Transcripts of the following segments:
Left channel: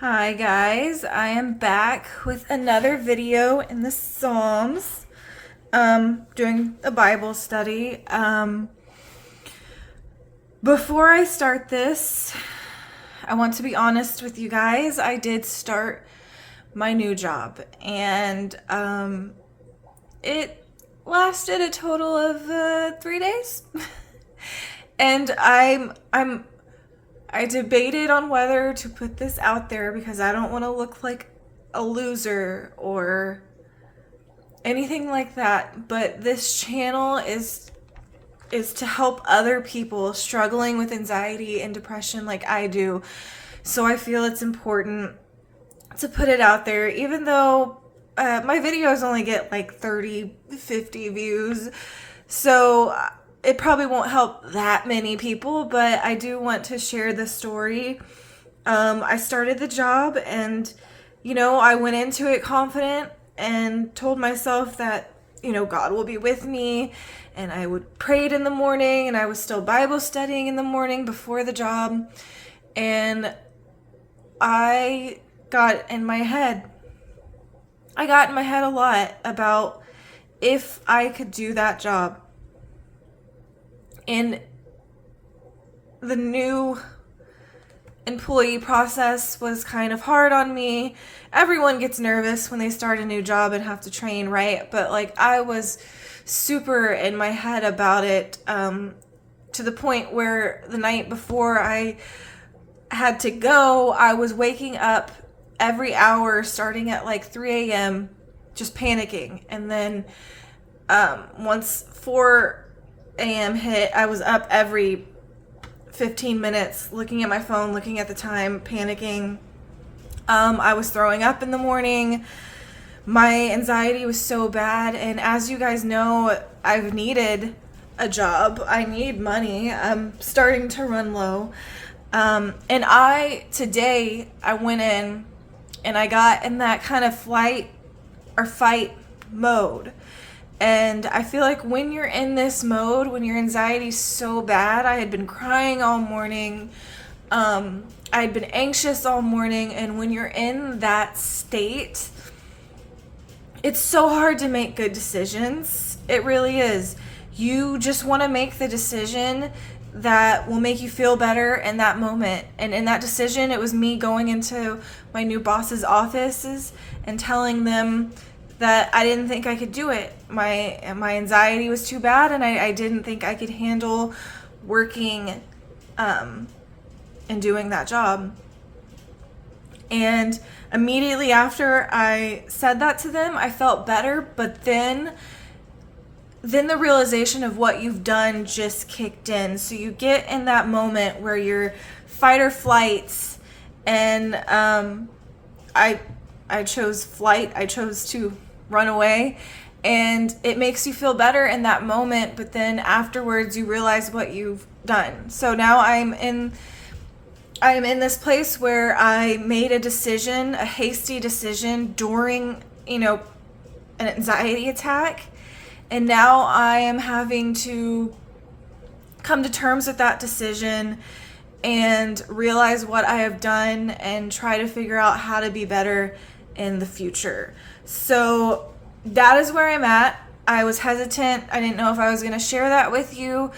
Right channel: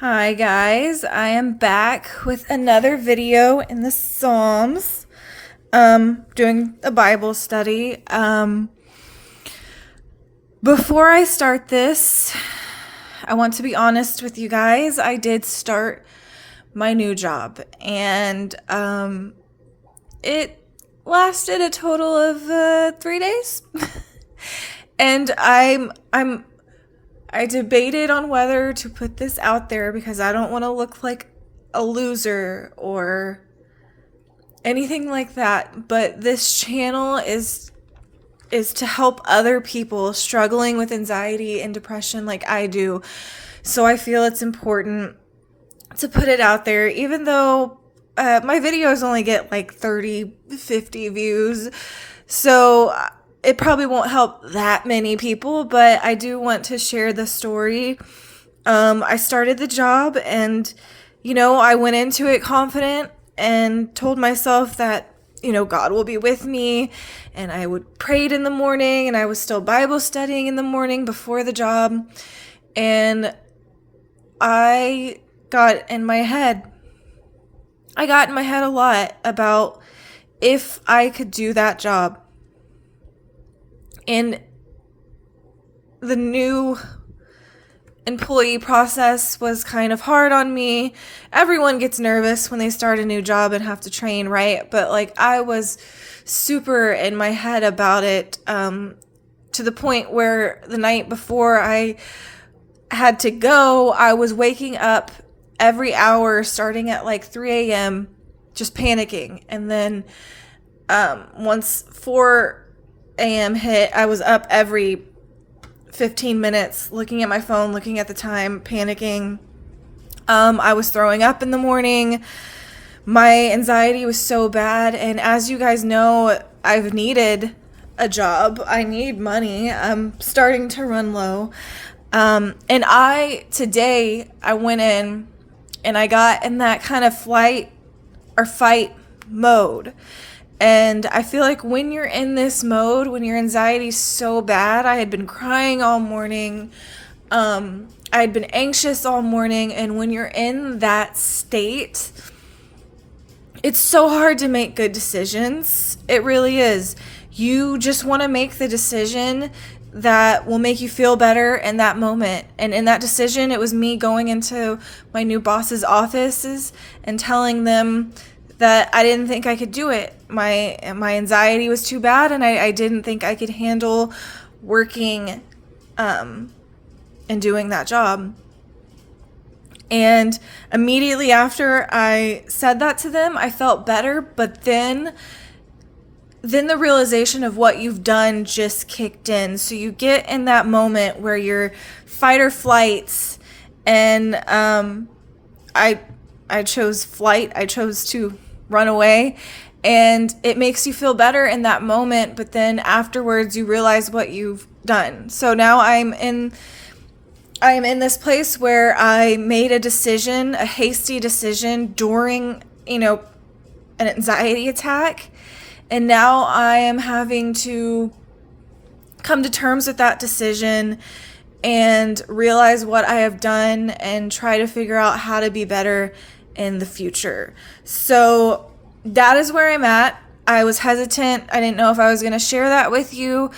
Hi guys, I am back with another video in the Psalms, doing a Bible study. Before I start this, I want to be honest with you guys. I did start my new job, and it lasted a total of 3 days, and I debated on whether to put this out there because I don't want to look like a loser or anything like that. But this channel is to help other people struggling with anxiety and depression like I do. So I feel it's important to put it out there, even though my videos only get like 30, 50 views. So it probably won't help that many people, but I do want to share the story. I started the job and, I went into it confident and told myself that, God will be with me. And I would prayed in the morning and I was still Bible studying in the morning before the job. And I got in my head. I got in my head a lot about if I could do that job. And the new employee process was kind of hard on me. Everyone gets nervous when they start a new job and have to train, right? But I was super in my head about it, to the point where the night before I had to go, I was waking up every hour starting at 3 a.m. just panicking. And then once 4 a.m. hit, I was up every 15 minutes looking at my phone, looking at the time, panicking. I was throwing up in the morning. My anxiety was so bad. And as you guys know, I've needed a job. I need money. I'm starting to run low. And today, I went in and I got in that kind of flight or fight mode. And I feel like when you're in this mode, when your anxiety's so bad, I had been crying all morning. I had been anxious all morning. And when you're in that state, it's so hard to make good decisions. It really is. You just want to make the decision that will make you feel better in that moment. And in that decision, it was me going into my new boss's offices and telling them that I didn't think I could do it. My anxiety was too bad, and I didn't think I could handle working and doing that job. And immediately after I said that to them, I felt better, but then the realization of what you've done just kicked in. So you get in that moment where you're fight or flights, and I chose flight. I chose to run away, and it makes you feel better in that moment, but then afterwards you realize what you've done. So now I'm in this place where I made a decision, a hasty decision during, an anxiety attack. And now I am having to come to terms with that decision and realize what I have done and try to figure out how to be better in the future. So that is where I'm at. I was hesitant. I didn't know if I was going to share that with you,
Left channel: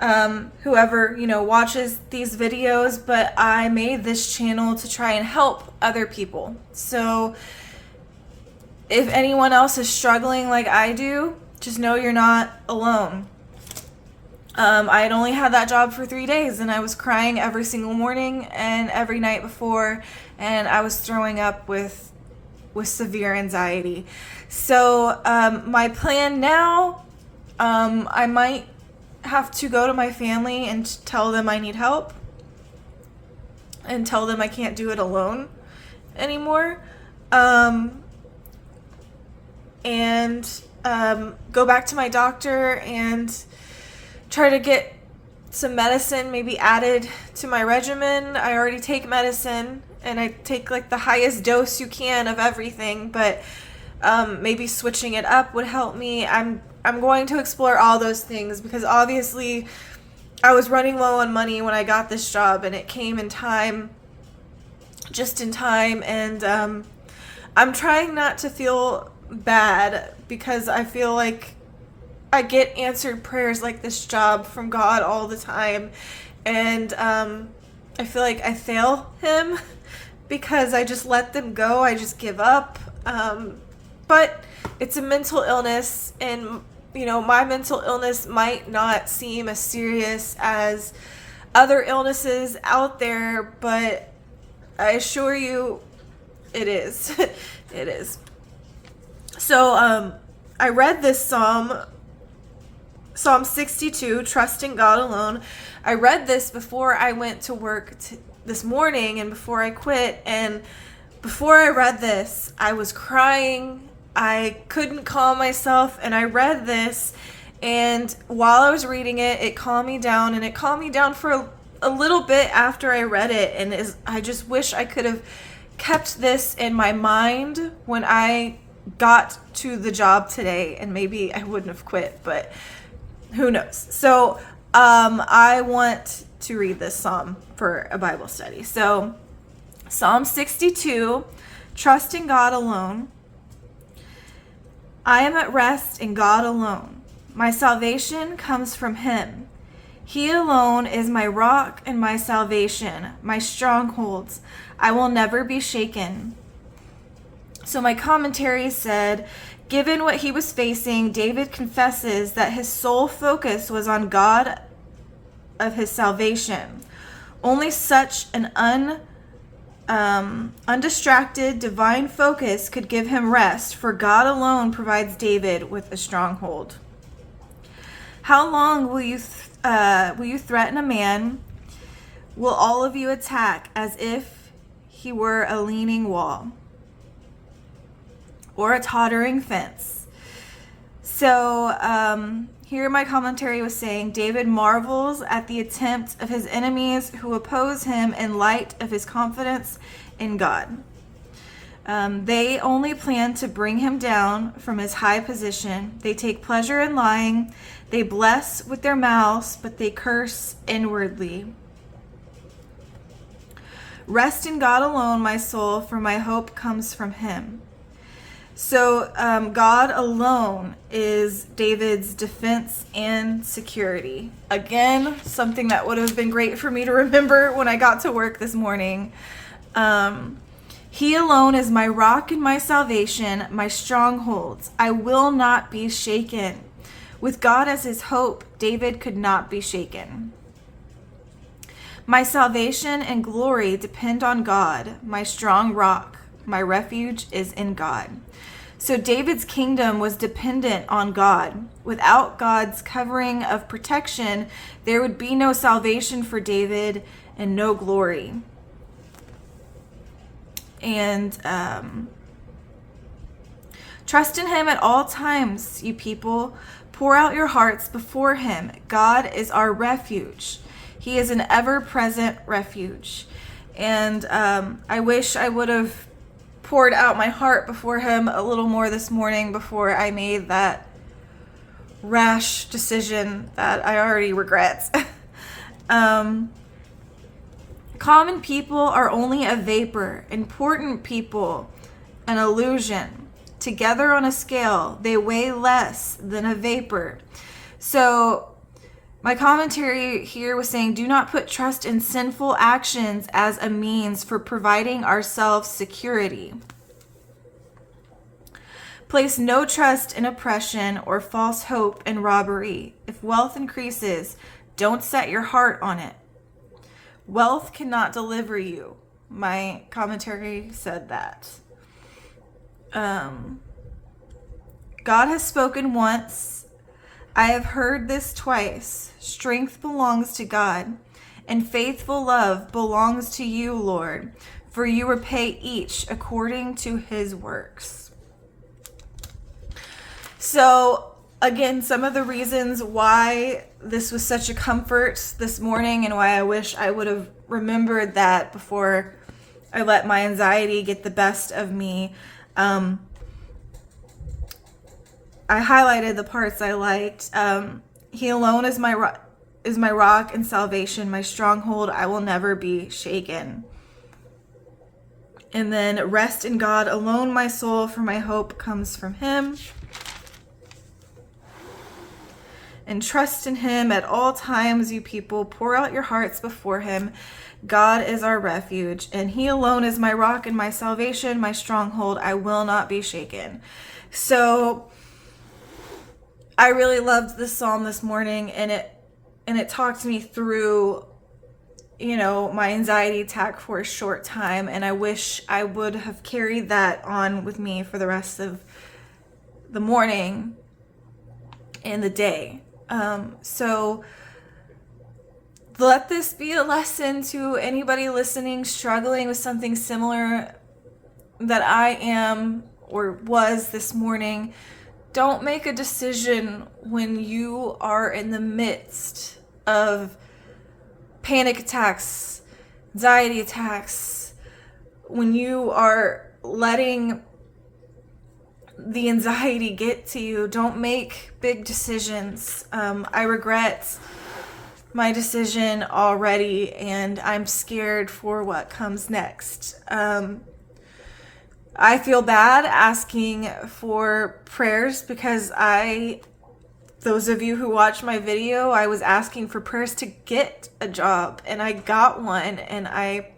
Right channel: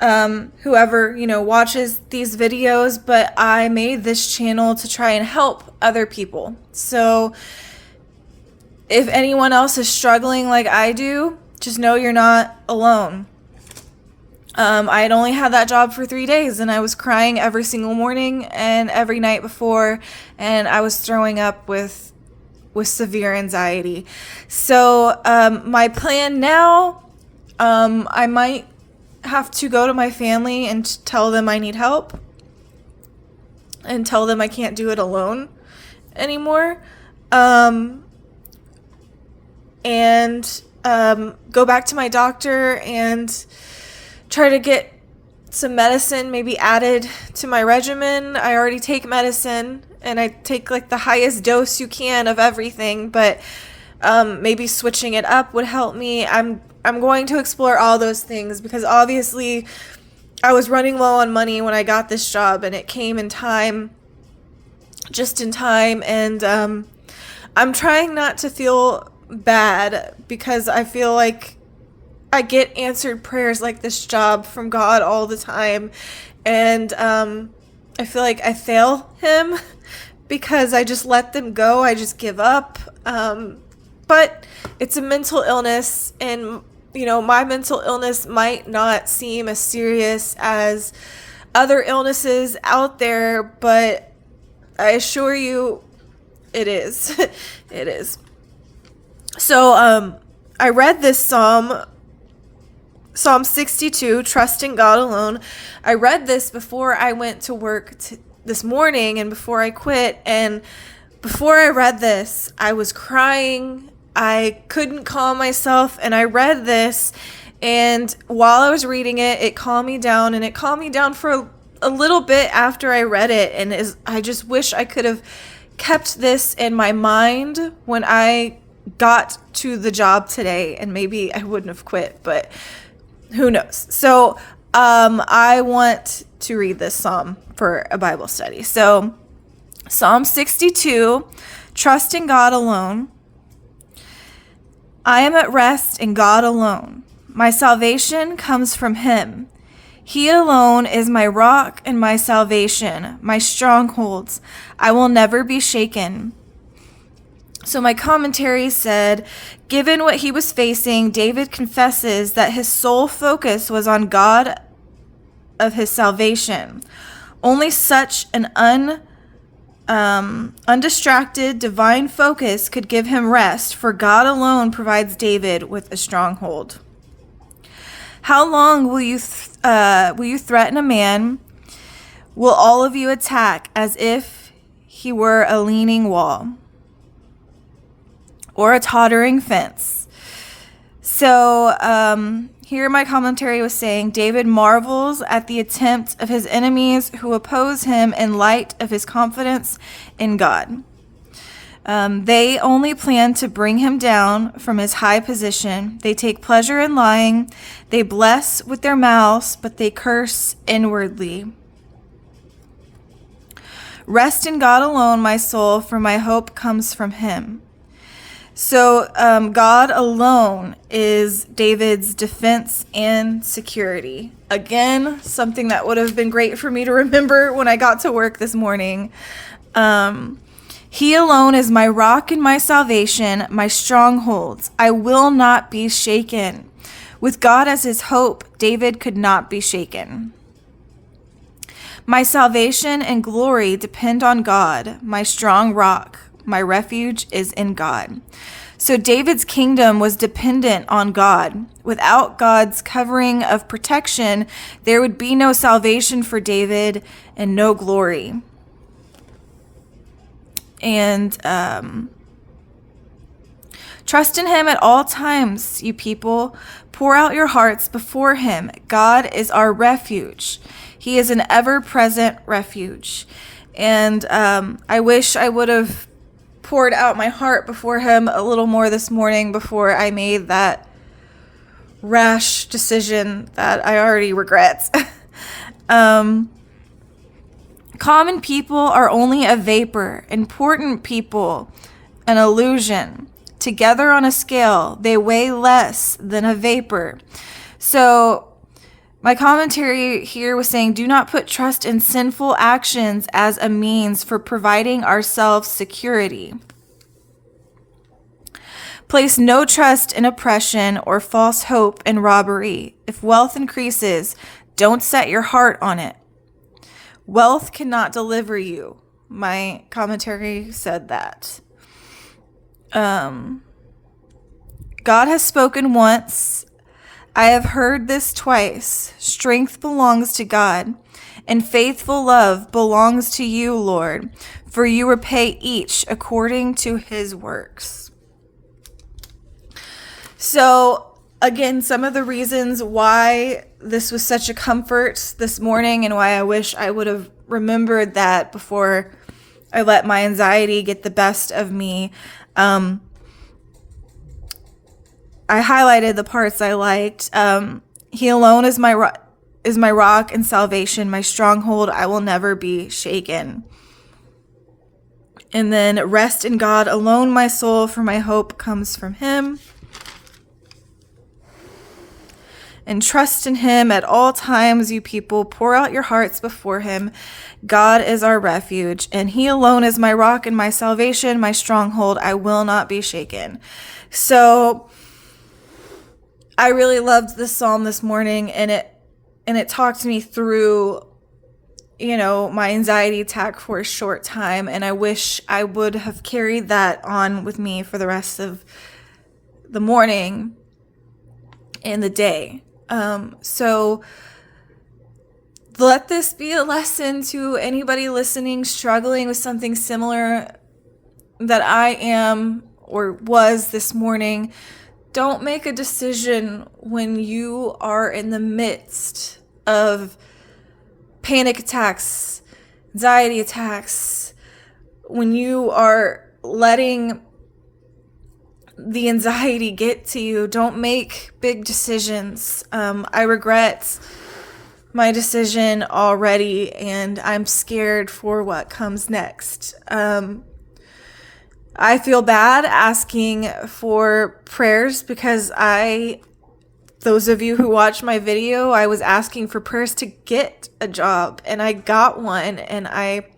whoever, watches these videos, but I made this channel to try and help other people. So if anyone else is struggling like I do, just know you're not alone. I had only had that job for 3 days, and I was crying every single morning and every night before, and I was throwing up with severe anxiety. So my plan now, I might have to go to my family and tell them I need help and tell them I can't do it alone anymore. And go back to my doctor and try to get some medicine maybe added to my regimen. I already take medicine, and I take the highest dose you can of everything, but maybe switching it up would help me. I'm going to explore all those things because obviously I was running low on money when I got this job, and it came in time just in time. And I'm trying not to feel bad because I feel like I get answered prayers like this job from God all the time. And I feel like I fail him because I just let them go. I just give up. But it's a mental illness, and my mental illness might not seem as serious as other illnesses out there, but I assure you it is. It is. So I read this Psalm 62, trusting God alone. I read this before I went to work this morning and before I quit. And before I read this, I was crying. I couldn't calm myself. And I read this. And while I was reading it, it calmed me down. And it calmed me down for a little bit after I read it. And I just wish I could have kept this in my mind when I got to the job today. And maybe I wouldn't have quit, but who knows? So I want to read this psalm for a Bible study. So Psalm 62, trusting God alone. I am at rest in God alone. My salvation comes from him. He alone is my rock and my salvation, my strongholds. I will never be shaken. So my commentary said, given what he was facing, David confesses that his sole focus was on God of his salvation. Only such an undistracted divine focus could give him rest, for God alone provides David with a stronghold. How long will you threaten a man? Will all of you attack as if he were a leaning wall or a tottering fence? So here my commentary was saying, David marvels at the attempt of his enemies who oppose him in light of his confidence in God. They only plan to bring him down from his high position. They take pleasure in lying. They bless with their mouths, but they curse inwardly. Rest in God alone, my soul, for my hope comes from him. So God alone is David's defense and security. Again, something that would have been great for me to remember when I got to work this morning. He alone is my rock and my salvation, my strongholds. I will not be shaken. With God as his hope, David could not be shaken. My salvation and glory depend on God, my strong rock. My refuge is in God. So David's kingdom was dependent on God. Without God's covering of protection, there would be no salvation for David and no glory. And trust in him at all times, you people. Pour out your hearts before him. God is our refuge. He is an ever-present refuge. And I wish I would have poured out my heart before him a little more this morning before I made that rash decision that I already regret. Common people are only a vapor. Important people, an illusion. Together on a scale, they weigh less than a vapor. So my commentary here was saying, do not put trust in sinful actions as a means for providing ourselves security. Place no trust in oppression or false hope in robbery. If wealth increases, don't set your heart on it. Wealth cannot deliver you. My commentary said that. God has spoken once. I have heard this twice. Strength belongs to God, and faithful love belongs to you, Lord, for you repay each according to his works. So, again, some of the reasons why this was such a comfort this morning and why I wish I would have remembered that before I let my anxiety get the best of me. I highlighted the parts I liked. He alone is my rock and salvation, my stronghold. I will never be shaken. And then rest in God alone, my soul, for my hope comes from him. And trust in him at all times, you people. Pour out your hearts before him. God is our refuge, and he alone is my rock and my salvation, my stronghold. I will not be shaken. So I really loved this psalm this morning, and it talked me through, my anxiety attack for a short time, and I wish I would have carried that on with me for the rest of the morning and the day. So let this be a lesson to anybody listening, struggling with something similar that I am or was this morning. Don't make a decision when you are in the midst of panic attacks, anxiety attacks, when you are letting the anxiety get to you. Don't make big decisions. I regret my decision already, and I'm scared for what comes next. I feel bad asking for prayers because those of you who watch my video, I was asking for prayers to get a job, and I got one, and I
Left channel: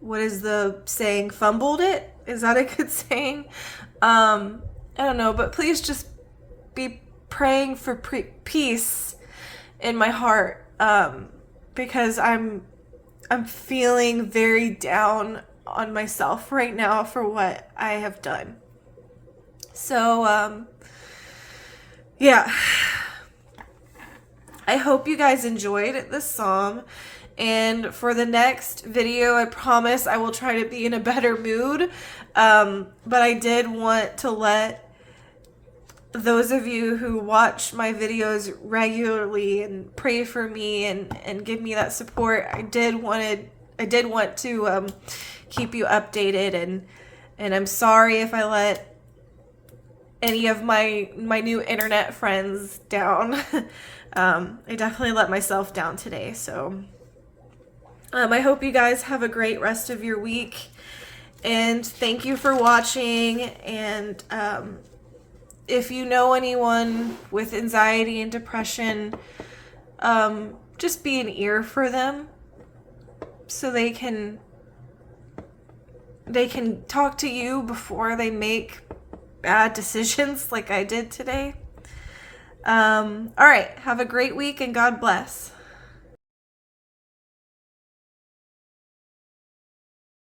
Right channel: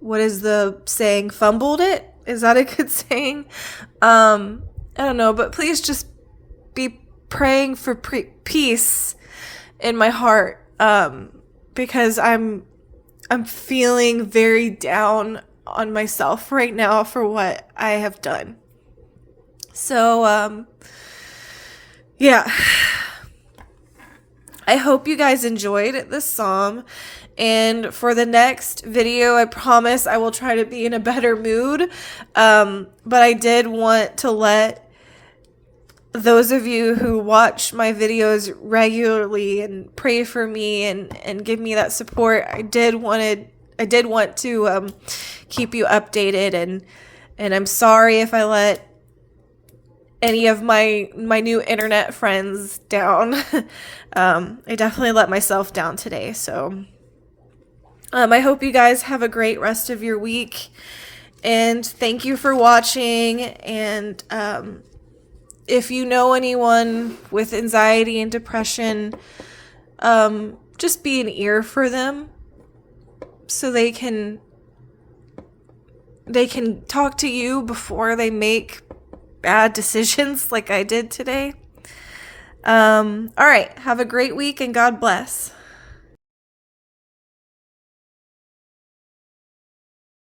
what is the saying? Fumbled it? Is that a good saying? I don't know, but please just be praying for peace in my heart, because I'm feeling very down on myself right now for what I have done. So, yeah. I hope you guys enjoyed this psalm. And for the next video, I promise I will try to be in a better mood. But I did want to let those of you who watch my videos regularly and pray for me and give me that support, I did want to keep you updated, and I'm sorry if I let any of my new internet friends down. I definitely let myself down today. So I hope you guys have a great rest of your week, and thank you for watching. And if you know anyone with anxiety and depression, just be an ear for them so they can talk to you before they make bad decisions like I did today. All right. Have a great week, and God bless.